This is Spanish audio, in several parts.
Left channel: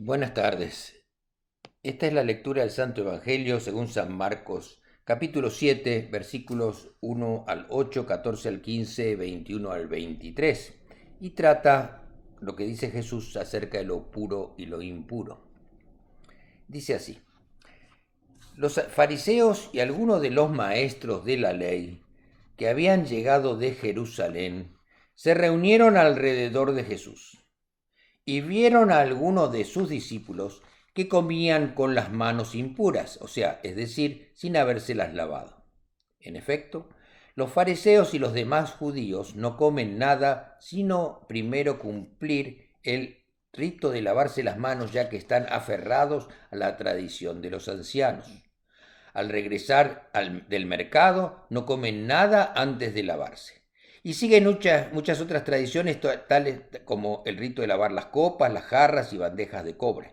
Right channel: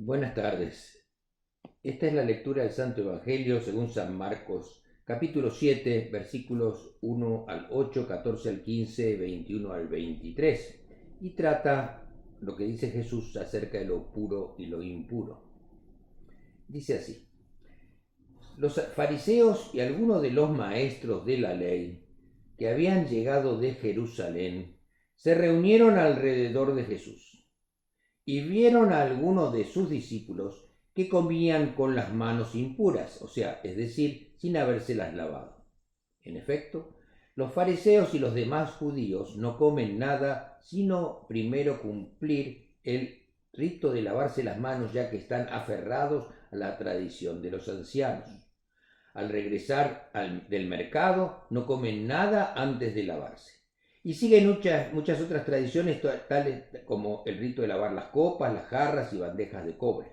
Buenas tardes. Esta es la lectura del Santo Evangelio según San Marcos, capítulo 7, versículos 1 al 8, 14 al 15, 21 al 23, y trata lo que dice Jesús acerca de lo puro y lo impuro. Dice así: los fariseos y algunos de los maestros de la ley que habían llegado de Jerusalén se reunieron alrededor de Jesús y vieron a algunos de sus discípulos que comían con las manos impuras, o sea, es decir, sin habérselas lavado. En efecto, los fariseos y los demás judíos no comen nada sino primero cumplir el rito de lavarse las manos, ya que están aferrados a la tradición de los ancianos. Al regresar del mercado no comen nada antes de lavarse. Y siguen muchas otras tradiciones, tales como el rito de lavar las copas, las jarras y bandejas de cobre.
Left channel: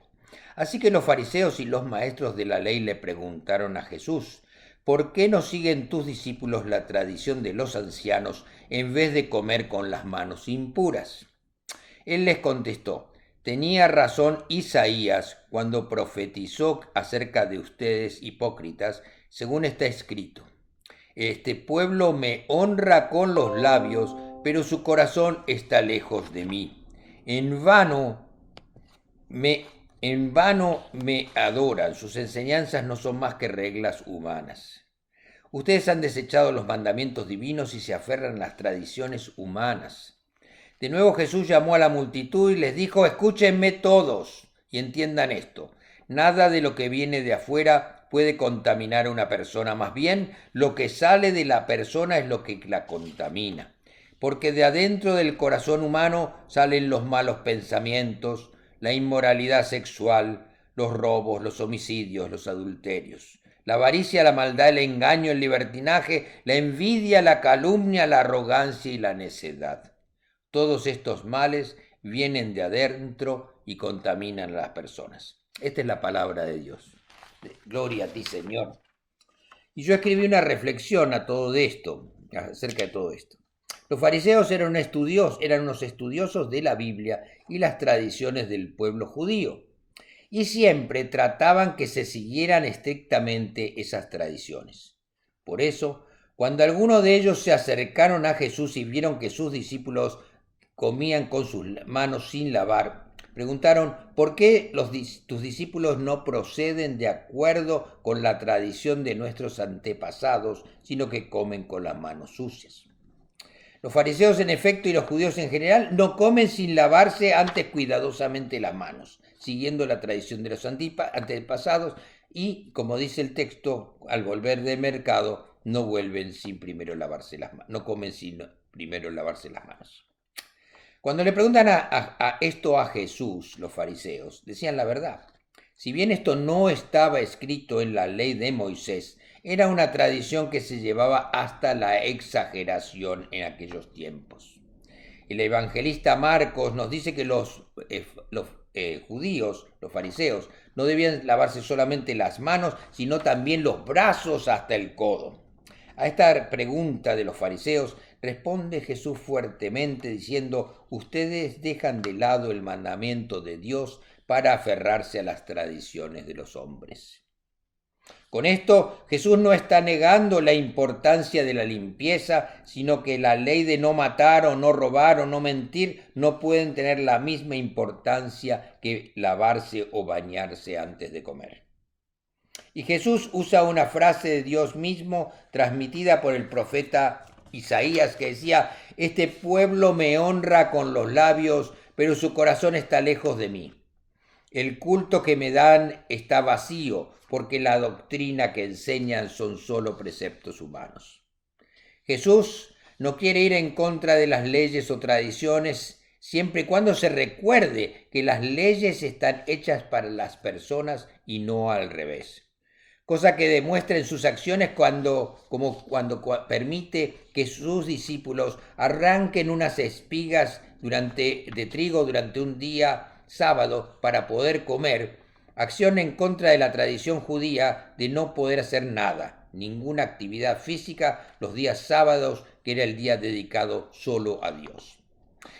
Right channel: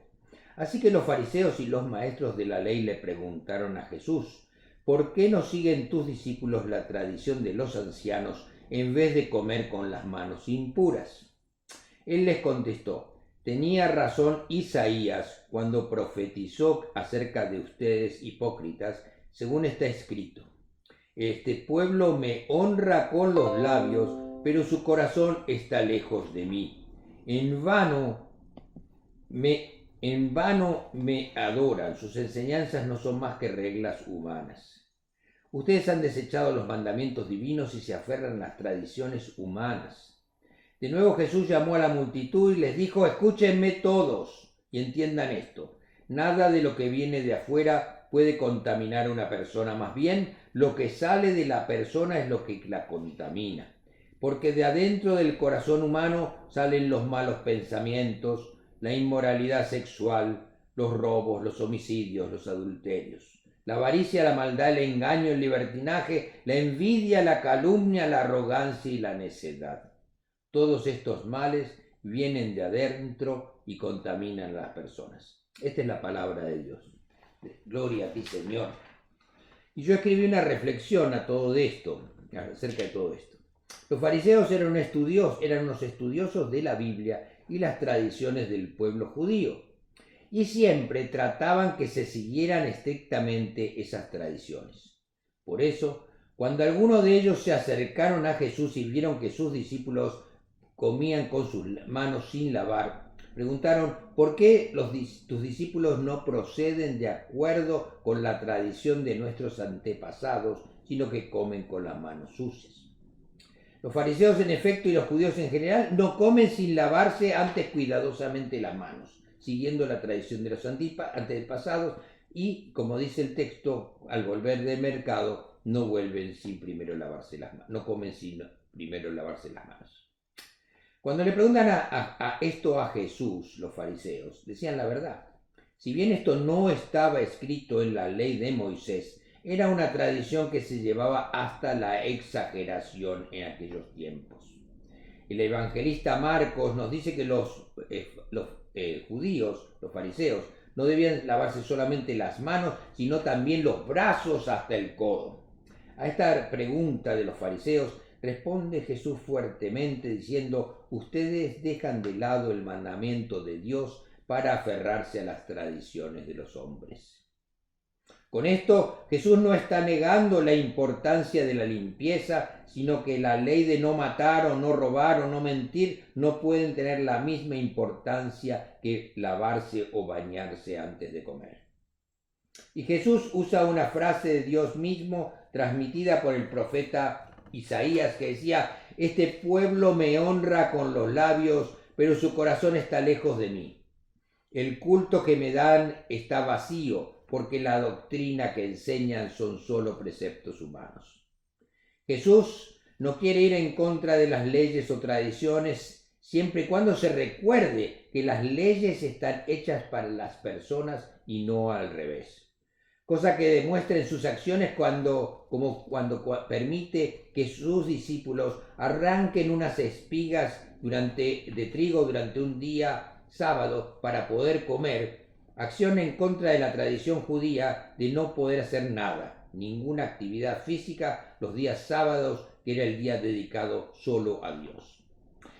Así que los fariseos y los maestros de la ley le preguntaron a Jesús: ¿por qué no siguen tus discípulos la tradición de los ancianos en vez de comer con las manos impuras? Él les contestó: tenía razón Isaías cuando profetizó acerca de ustedes hipócritas, según está escrito: este pueblo me honra con los labios, pero su corazón está lejos de mí. En vano me, en vano me adoran, sus enseñanzas no son más que reglas humanas. Ustedes han desechado los mandamientos divinos y se aferran a las tradiciones humanas. De nuevo Jesús llamó a la multitud y les dijo: escúchenme todos y entiendan esto. Nada de lo que viene de afuera puede contaminar a una persona, más bien lo que sale de la persona es lo que la contamina. Porque de adentro del corazón humano salen los malos pensamientos, la inmoralidad sexual, los robos, los homicidios, los adulterios, la avaricia, la maldad, el engaño, el libertinaje, la envidia, la calumnia, la arrogancia y la necedad. Todos estos males vienen de adentro y contaminan a las personas. Esta es la palabra de Dios. Gloria a ti, Señor. Y yo escribí una reflexión acerca de todo esto. Los fariseos eran unos estudiosos de la Biblia y las tradiciones del pueblo judío, y siempre trataban que se siguieran estrictamente esas tradiciones. Por eso, cuando algunos de ellos se acercaron a Jesús y vieron que sus discípulos comían con sus manos sin lavar, preguntaron: ¿por qué tus discípulos no proceden de acuerdo con la tradición de nuestros antepasados, sino que comen con las manos sucias? Los fariseos, en efecto, y los judíos en general, no comen sin lavarse antes cuidadosamente las manos, siguiendo la tradición de los antepasados, y, como dice el texto, al volver del mercado, no vuelven sin primero lavarse las manos, no comen sin primero lavarse las manos. Cuando le preguntan esto a Jesús, los fariseos decían la verdad. Si bien esto no estaba escrito en la ley de Moisés, era una tradición que se llevaba hasta la exageración en aquellos tiempos. El evangelista Marcos nos dice que los judíos, los fariseos, no debían lavarse solamente las manos, sino también los brazos hasta el codo. A esta pregunta de los fariseos responde Jesús fuertemente diciendo: ustedes dejan de lado el mandamiento de Dios para aferrarse a las tradiciones de los hombres. Con esto, Jesús no está negando la importancia de la limpieza, sino que la ley de no matar o no robar o no mentir no pueden tener la misma importancia que lavarse o bañarse antes de comer. Y Jesús usa una frase de Dios mismo transmitida por el profeta Isaías, que decía: este pueblo me honra con los labios, pero su corazón está lejos de mí. El culto que me dan está vacío, porque la doctrina que enseñan son solo preceptos humanos. Jesús no quiere ir en contra de las leyes o tradiciones, siempre y cuando se recuerde que las leyes están hechas para las personas y no al revés. Cosa que demuestra en sus acciones cuando permite que sus discípulos arranquen unas espigas de trigo durante un día sábado para poder comer, acción en contra de la tradición judía de no poder hacer nada, ninguna actividad física los días sábados, que era el día dedicado solo a Dios.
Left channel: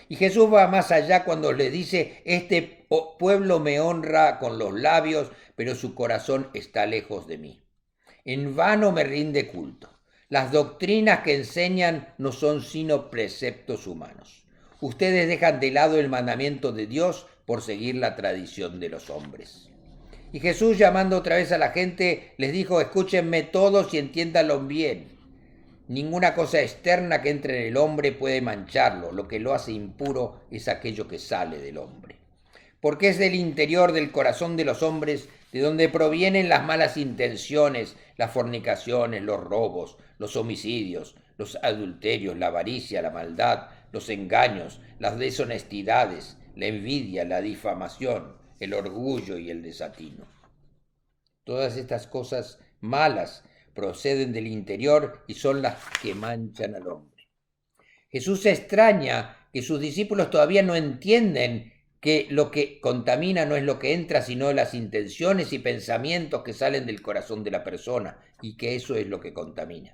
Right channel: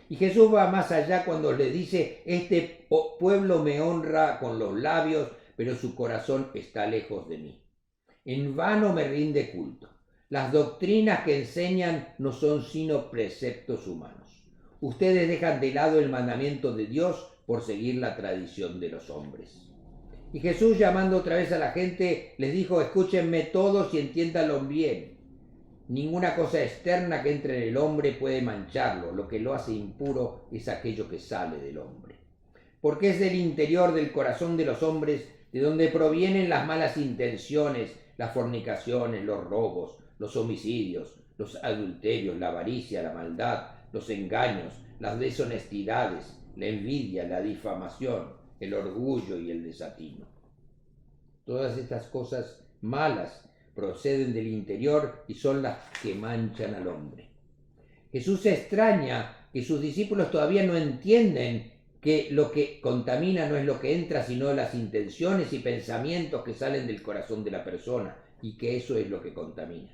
Y Jesús va más allá cuando le dice, este pueblo me honra con los labios, pero su corazón está lejos de mí. En vano me rinde culto. Las doctrinas que enseñan no son sino preceptos humanos. Ustedes dejan de lado el mandamiento de Dios por seguir la tradición de los hombres. Y Jesús, llamando otra vez a la gente, les dijo, escúchenme todos y entiéndanlo bien. Ninguna cosa externa que entre en el hombre puede mancharlo. Lo que lo hace impuro es aquello que sale del hombre. Porque es del interior del corazón de los hombres de donde provienen las malas intenciones, las fornicaciones, los robos, los homicidios, los adulterios, la avaricia, la maldad, los engaños, las deshonestidades, la envidia, la difamación, el orgullo y el desatino. Todas estas cosas malas proceden del interior y son las que manchan al hombre. Jesús se extraña que sus discípulos todavía no entienden que lo que contamina no es lo que entra, sino las intenciones y pensamientos que salen del corazón de la persona, y que eso es lo que contamina.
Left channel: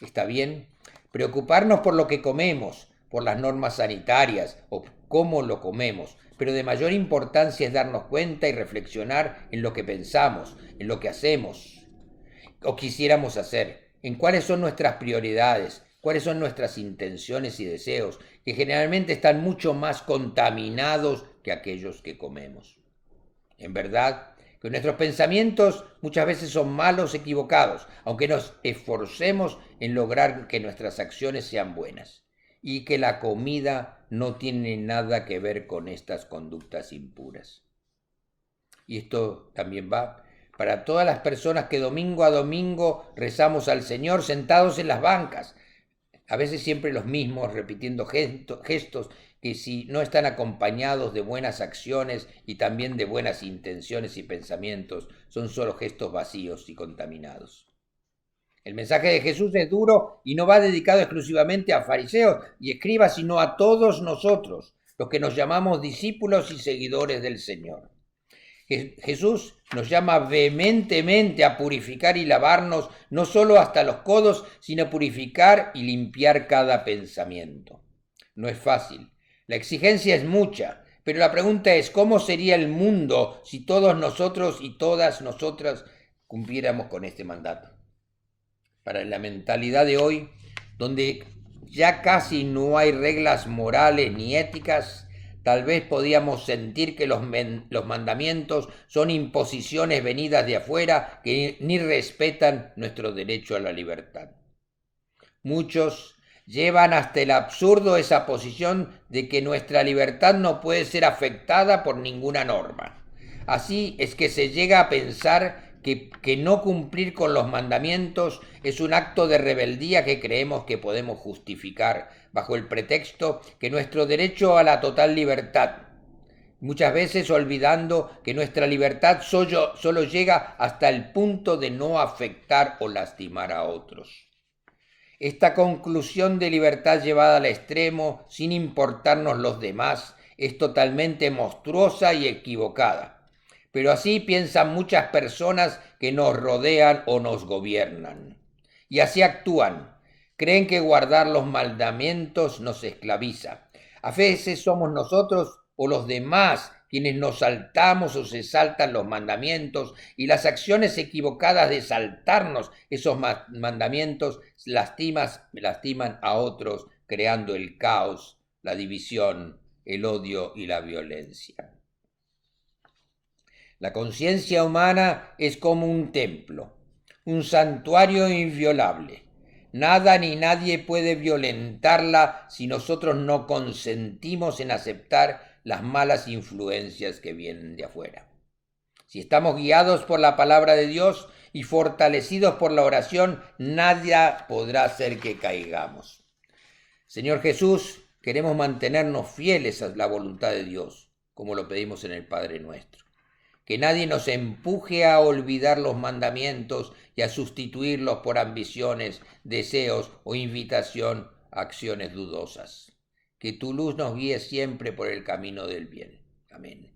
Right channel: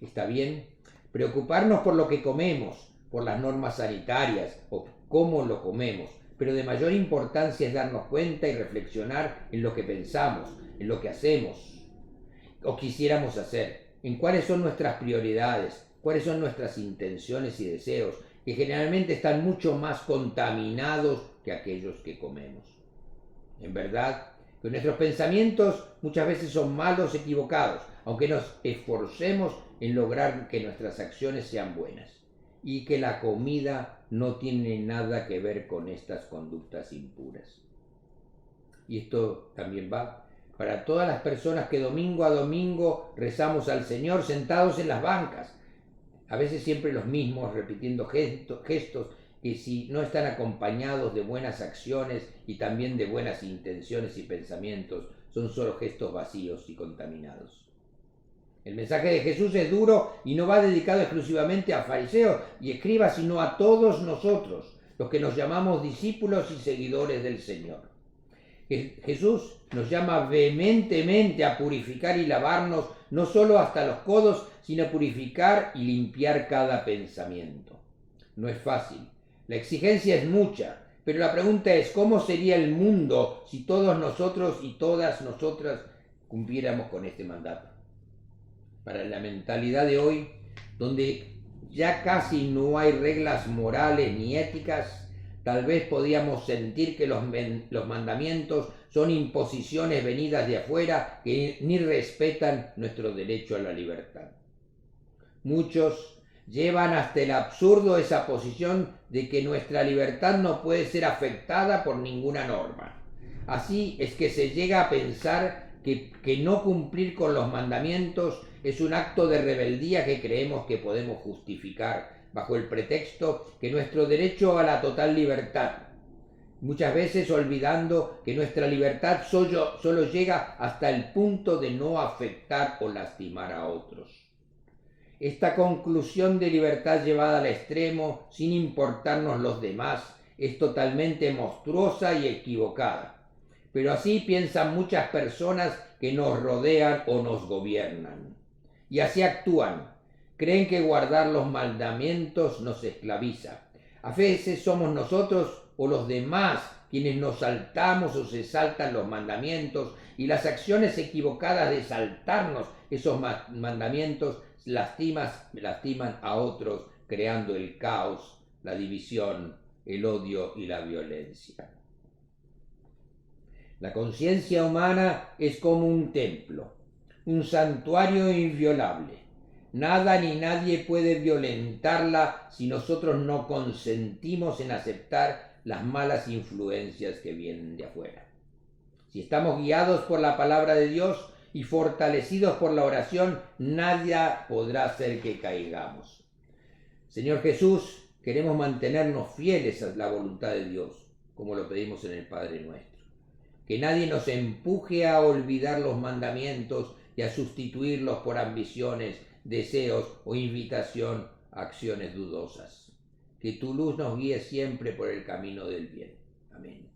Está bien preocuparnos por lo que comemos, por las normas sanitarias o cómo lo comemos, pero de mayor importancia es darnos cuenta y reflexionar en lo que pensamos, en lo que hacemos o quisiéramos hacer, en cuáles son nuestras prioridades, cuáles son nuestras intenciones y deseos, que generalmente están mucho más contaminados que aquellos que comemos. En verdad, que nuestros pensamientos muchas veces son malos, equivocados, aunque nos esforcemos en lograr que nuestras acciones sean buenas, y que la comida no tiene nada que ver con estas conductas impuras. Y esto también va para todas las personas que domingo a domingo rezamos al Señor sentados en las bancas, a veces siempre los mismos, repitiendo gestos que si no están acompañados de buenas acciones y también de buenas intenciones y pensamientos, son solo gestos vacíos y contaminados. El mensaje de Jesús es duro y no va dedicado exclusivamente a fariseos y escribas, sino a todos nosotros, los que nos llamamos discípulos y seguidores del Señor. Jesús nos llama vehementemente a purificar y lavarnos, no solo hasta los codos, sino a purificar y limpiar cada pensamiento. No es fácil, la exigencia es mucha, pero la pregunta es, ¿cómo sería el mundo si todos nosotros y todas nosotras cumpliéramos con este mandato? Para la mentalidad de hoy, donde ya casi no hay reglas morales ni éticas, tal vez podíamos sentir que los mandamientos son imposiciones venidas de afuera que ni respetan nuestro derecho a la libertad. Muchos llevan hasta el absurdo esa posición de que nuestra libertad no puede ser afectada por ninguna norma. Así es que se llega a pensar que no cumplir con los mandamientos es un acto de rebeldía que creemos que podemos justificar bajo el pretexto que nuestro derecho a la total libertad, muchas veces olvidando que nuestra libertad solo llega hasta el punto de no afectar o lastimar a otros. Esta conclusión de libertad llevada al extremo, sin importarnos los demás, es totalmente monstruosa y equivocada. Pero así piensan muchas personas que nos rodean o nos gobiernan. Y así actúan. Creen que guardar los mandamientos nos esclaviza. A veces somos nosotros o los demás quienes nos saltamos o se saltan los mandamientos, y las acciones equivocadas de saltarnos esos mandamientos lastiman a otros, creando el caos, la división, el odio y la violencia. La conciencia humana es como un templo, un santuario inviolable. Nada ni nadie puede violentarla si nosotros no consentimos en aceptar las malas influencias que vienen de afuera. Si estamos guiados por la palabra de Dios y fortalecidos por la oración, nadie podrá hacer que caigamos. Señor Jesús, queremos mantenernos fieles a la voluntad de Dios, como lo pedimos en el Padre Nuestro. Que nadie nos empuje a olvidar los mandamientos y a sustituirlos por ambiciones, deseos o invitación a acciones dudosas. Que tu luz nos guíe siempre por el camino del bien. Amén.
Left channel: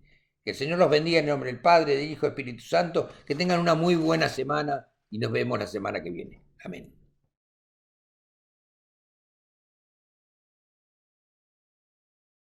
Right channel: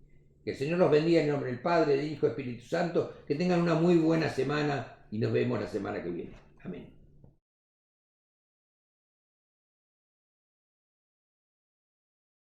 Que el Señor los bendiga en el nombre del Padre, del Hijo y del Espíritu Santo. Que tengan una muy buena semana y nos vemos la semana que viene. Amén.